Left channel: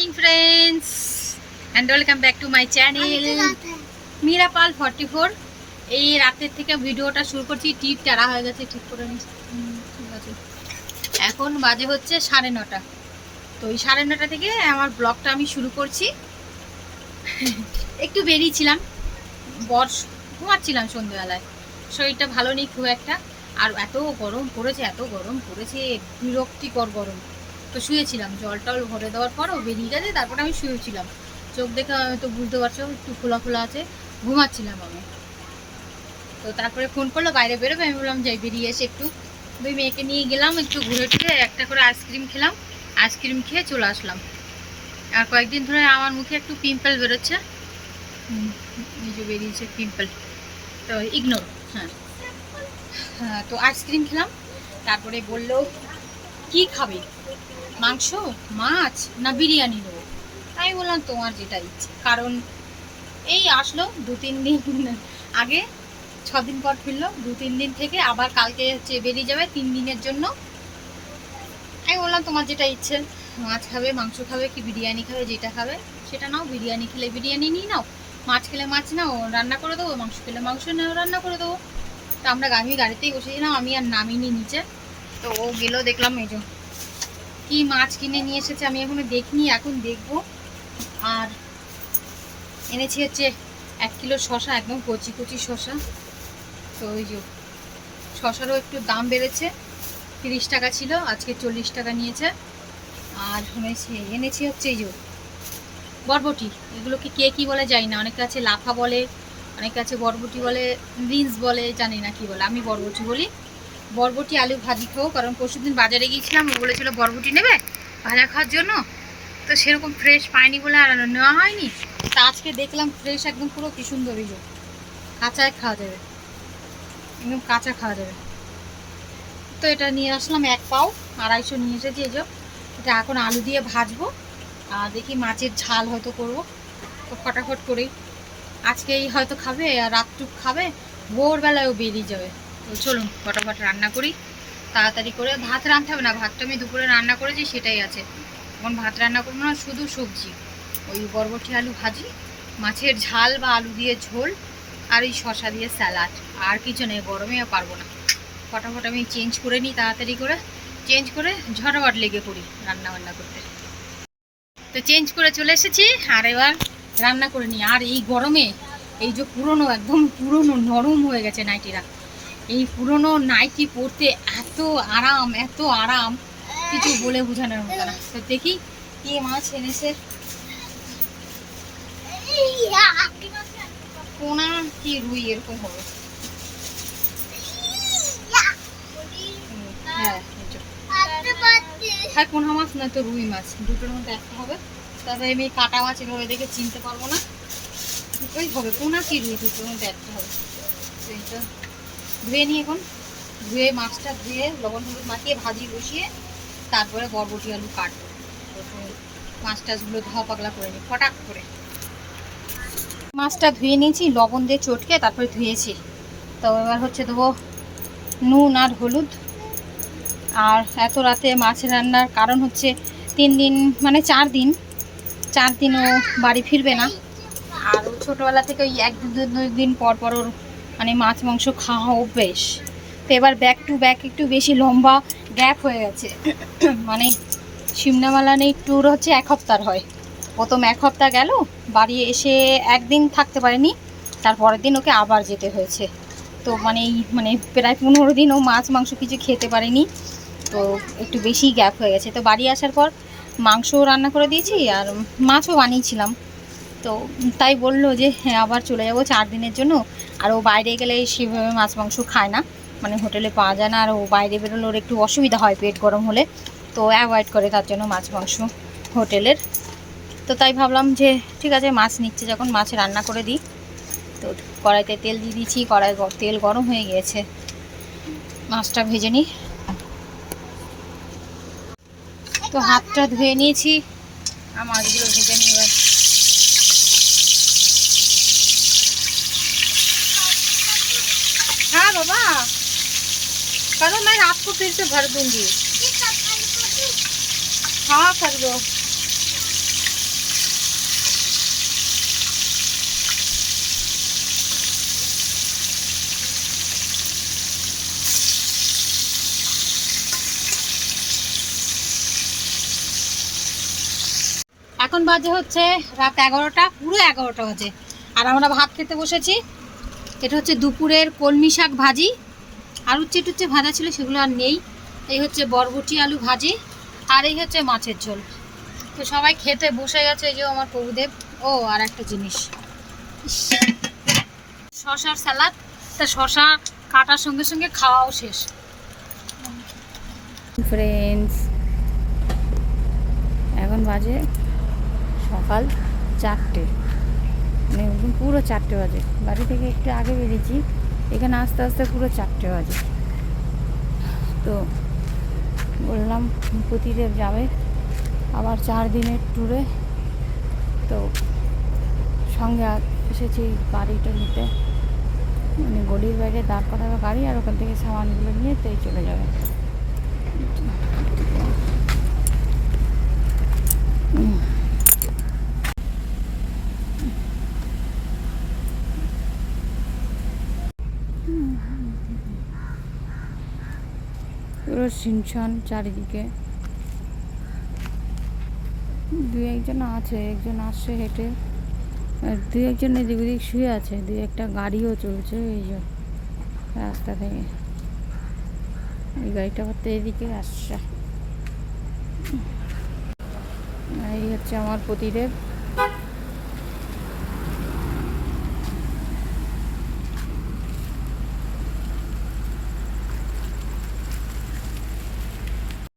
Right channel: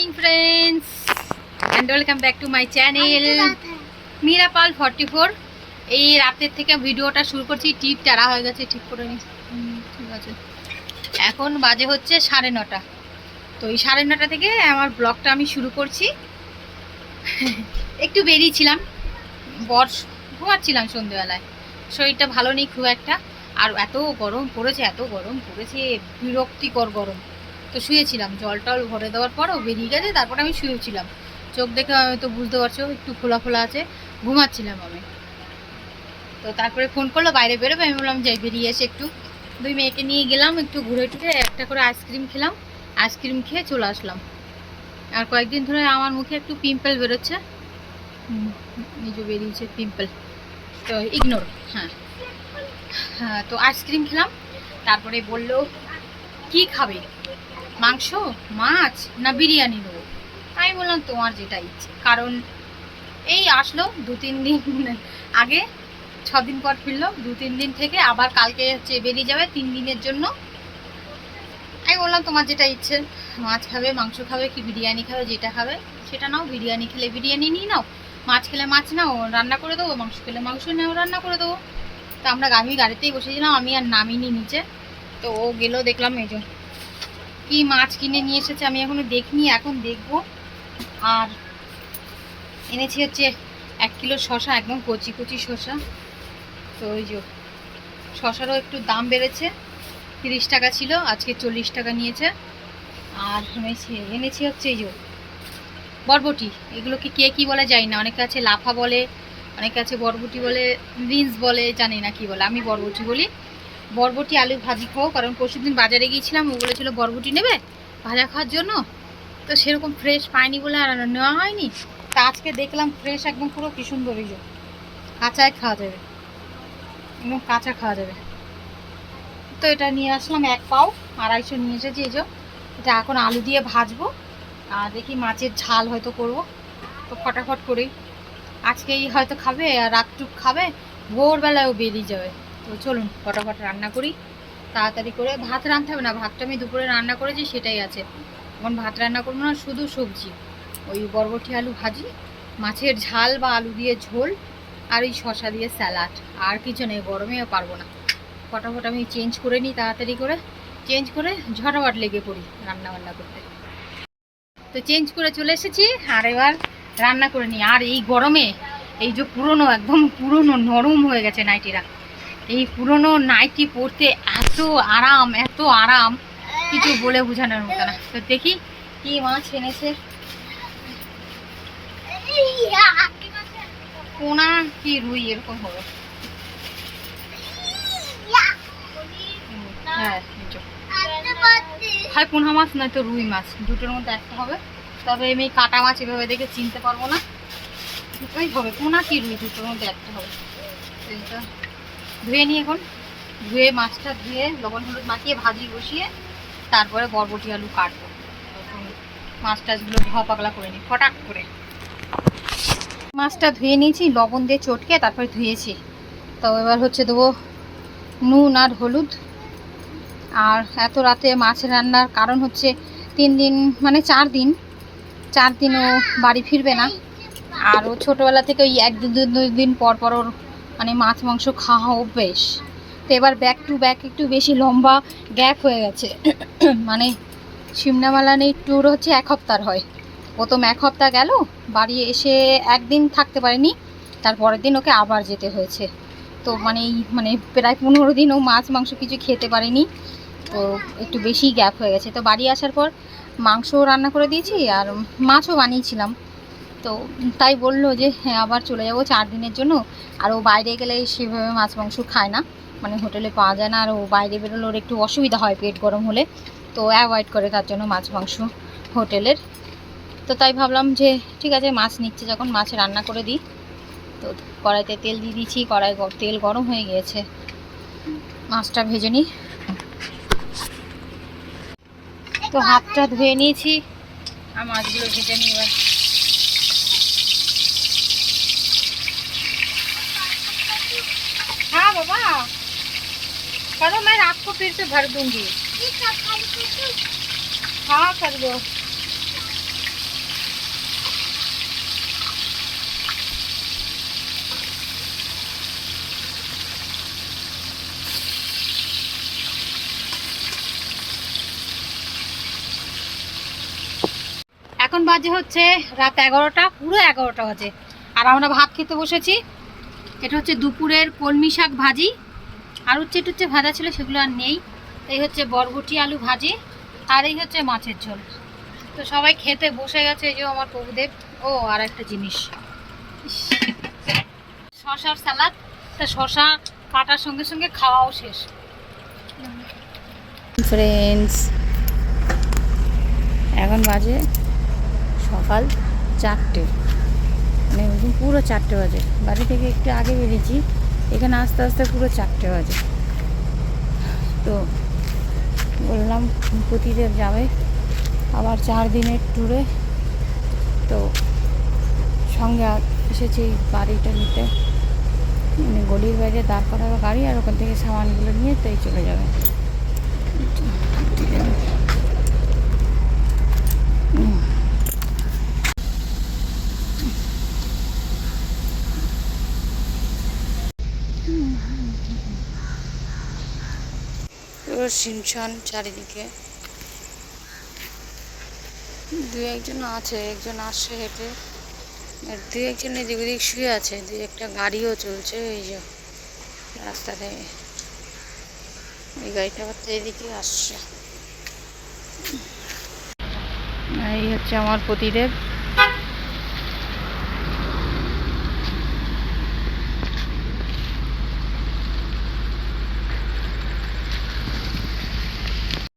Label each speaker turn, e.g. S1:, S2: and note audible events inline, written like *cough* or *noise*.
S1: Morning friends and welcome back to my channel Meera Pal for এই রাতের থেকে ভিডিওটা শুরু করছি। টিপ টাড়া হয়ে গেছে ঠিক করে ঠিক আছে। এখন বাজে হচ্ছে সাড়ে নটা। তো এই সাড়ে নটা থেকে আমার ব্লগটা আমি শুরু করছি। একটু বেরিয়েছিলাম বর্ষ ঘুমাচ্ছিলাম সন্ধ্যেবেলায়। শরীরটা ভালো নেই খুব একটা। আর এত গরম পড়েছে, এত গরম পড়েছে। বিরক্তিকর গরম। তো শুয়েছিলাম। জল টল ভরে দেওয়ার পরও বেরিয়ে গেছে, তারপর আমি শুয়েছিলাম। চোখ দেখে তো বুঝতে পারছ, একটু খোলা খোলা আছে, ঘুমাচ্ছিলাম আমি। তো তারপরে ফোন করল, বাইরে বেরোবে, আমি বললাম, যাই, বেরিয়ে এসে একটু। দুই মেয়েকে নিয়ে গেলাম, একটু ঘুরে টুরে একটা করে আইসক্রিম খেলাম। আইসক্রিম খেয়ে চলে আসলাম। আর কয়েকদিন ধরে আমার মুখে একটু পিম্পল বেরোচ্ছে। যে বেরিয়েছে পিম্পল তো ইগনোর হ্যাঁ। হ্যাঁ তো আইসক্রিম খেলাম। তারপরে বলল, কি খাবে? মাংস, মাছ না বিরিয়ানি দেবো আমি বললাম, তোমার যেটা ইচ্ছে। কারণ এই আসলো দু তিন দিন আগে ছ দিন পর ফিরলো, দু তিন দিন থেকে আবার কালকে হচ্ছে বেরিয়ে যাবে তিন দিনের জন্য। আমি বললাম, তোমার যেটা ইচ্ছে, মাছ খাবে, মাংস খাবে, কি বিরিয়ানি খাবে, যেটা খাবে, সেটা নাও, বিরিয়ানি খেলে বিরিয়ানি নিয়ে নাও, মাছ খেলে মাছ নাও, রান্না করে দেবো, মাংস খেলে মাংস নাও, রান্না করে দেবো। তো আমরা আমি গাড়িতেই বসেছিলাম আমি আর নামিনি নিচে। তো ও গেলো, দেখলাম এই কি মাছ কিনে নিয়ে এসেছে আমি এখনও দেখিনি, এখন দেখব। আর এনেছি হচ্ছে এক কিলো শশা একদম কচি কচি শশা তো ওই যে শশারও একটু দাম বেড়েছে, তিরিশ টাকা ছিল, আজকে চল্লিশ টাকা নিয়েছে। আর এনেছি এনেছি হচ্ছে এই যে বরবটি, এগুলোকে কে কি বলে জানি না, অনেকে আছে লাফা বলে, অনেকে আছে বরবটি বলে, রিন্স বলে, জানি না কি বলে, আমি বরবটি বলি। বরবটি আলু ভাজি খাব, কারণ পরশুদিন বাজারে গিয়েছিলাম, ও বলেছিল বরবটি নেবে ভাজা খাওয়ার জন্য। তো সেরকম ফ্রেশ পাইনি বলে আর নেওয়া হয়নি। তা আজকে দেখলাম ফ্রেশ একদম পুরো কি সুন্দর যে কাঁচায় খাওয়া যাবে। একদম কাঁচা খাওয়া যাবে। তো এটা নিয়ে আসলাম এক পাও, আড়াইশো নিয়ে এসেছি এই এটা এখন আলু দিয়ে ভাজবো, আর দেখি মাছের ঝাল হয়তো করব। তো ফটাফট করেই আজকেই হয়তো খাবে, আর রাতটুক খাবে, ভোরবেলায়ও বেরিয়ে যাবে। তো চলুন ফটাফট রান্না করি। তাড়াতাড়ি করে ভাত রাঁধতে হবে না, ভাতটা আমি দুপুরে রান্না করেছি, সেটাই আছে। এখন ভাত রান্না করব না, শুধু সবজি। ওই বরবটি আলু ভাজি, মাছের ঝাল বা আলু দিয়ে ঝোল, আর ওই শশা দিয়ে স্যালাড। আর কিছু নেই গরমেও পারব না। ফটাফট আমি চেঞ্জ করে নিই তাড়াতাড়ি করে। চেঞ্জ করে ঝটাপট লেগে পড়ি রান্না বান্না করতে। তো চেঞ্জ করে চলে এসেছি, আর এবার রান্না করে নিই। আর এই গরমে এই যে পুরনো, একদম পুরনো, নরম হয়ে গেছে নাইটিরা। এই পুরনো নাইটি পরতে এত আরাম এত আরাম। কিছু বলে বোঝানোর মতো না। তো দেখি কি মাছ এনেছে। পোনা কি রুই, এরকম হবে। হ্যাঁ পোনা মাছ, নয়তো রুই মাছ। দুটোর মধ্যে একটা হবে। তবে আমি কাটা মাছ এভাবে দেখে চিনতে পারব না। দুটোই হবে। পোনা কি রুই, দুটোর মধ্যে একটা হবে। তো এইটা ধুয়ে নিই এখন ধুয়ে, মাছটা ধুয়ে, লবণ হলুদ মাখিয়ে, ভাজি বসিয়ে, তারপরে বরবটি আলু কাটবো। মাছ টাছগুলো ধোয়া পাগলা করে নিই, ফটাক করে। মাছটা ধুয়ে নিয়েছি, লবণ দিয়ে চটকে তারপরে ধুয়েছি। তো এবার হচ্ছে দেবো নুন আর হলুদ। আর এত রাতে মাছ রান্নার কারণ হচ্ছে তিন দিন মানে চার দিন, চার দিনও বাড়ি ফিরবে না। আর ও ছোটোবেলা থেকে ওই এক দু দু- দুই দিন পর পর ওর মানে মাছ, মাংস খাওয়া অভ্যেস। তো এবার ব্যাক টু ব্যাক একটু বেশি লম্বা গ্যাপ হয়ে গেছে। *coughs* মানে সিমনামালা নেই ট্যুর হচ্ছে এক সপ্তাহ হয়। প্রথম এক হপ্তাহ গেল, বাড়ি এসে একদিন থাকতে পারেনি তারপরের দিন ওকে আবার যেতে হয়েছে। তো মানে মানে প্রায় পনেরো দিন ও মাছ, মাংস কিছু খেতে পারেনি, তো একটু বেশি গ্যাপ হয়ে গেছে। তো বাড়ি আসার পর মাংস রান্না করে দিয়েছি আর মাছও বানিয়েছিলাম। তো তাই বলল যে হ্যাঁ আবার চলে যাব চার দিনের জন্য। আর ও বাইরে গেলে সেভাবে মাছ মাংস খায় না। মানে হোটেলে পাওয়া যায় না আর ও বাইরে বেরোলে ওর একটু অসুবিধা হয় পেট গরম হলে। তো অ্যাভয়েড করে তার জন্য মাছ মাংস হোটেলের। তো তাই ভাবলাম যে ঠিক আছে, মাছ নিচ্ছে যখন, মাছ রান্না করে দিই। তো কড়াইতে তেল দিয়ে দিয়েছি, কড়াই তেল গরম হয়ে গিয়েছে। মাছটা ভেজে নিই। তো হাতটা ধুয়ে নিয়েছি। আর মাছগুলো ভেজে নিই এবার। बाबा करो मैं आपको फिर से भर दूंगी हाँ कर दो এখন বাজে হচ্ছে রাত এগারোটা, পুরো এগারোটা বাজে। আর আমরা ভাত খেতে বসেছি। এটা হচ্ছে দুপুরের কলমি শাক ভাজি। আর উচ্ছে টুচ্ছে ভাজা ছিল, সেগুলো আর নেই। এই হচ্ছে বরবটি আলু ভাজি, আর এই হচ্ছে মাছের ঝোল। তো সবাই খেতে বসে গেছে এই যে আমার প্রভুদেব। ও, আর একটা জিনিস। শশার সালাদ। তা শশা কাটার সঙ্গে সঙ্গে খাওয়াও শেষ। ফ্রেন্ডস এখন বাজে সকাল চারটে। মানে একদম পুরো চারটে বাজে। বাড়ি থেকে একটু আগে বেরিয়েছি, এখানে আস্তে আস্তে পুরো চারটে বাজে। তো বললাম প্রতিদেব যাবে, আবার চার দিনের ট্যুরে তো সঙ্গে এসেছি গাড়িটা নিতে। মানে গলির বাইরে দাঁড় করাবে গাড়ি আর ওখান থেকে সামানগুলো নিয়ে তাই চলে যাবে। পুরো শিনশান চারিদিকে। দু একজন আছে, একজন আসছে হেঁটে। আর দু একজন এদিক ওদিক শুয়ে আছে দু একটা গাড়িও চলছে, এই যে রাস্তা থেকে। এই গাড়িটা আবার তো এদিকে আসছে। এই হচ্ছে আমার প্রতিদেব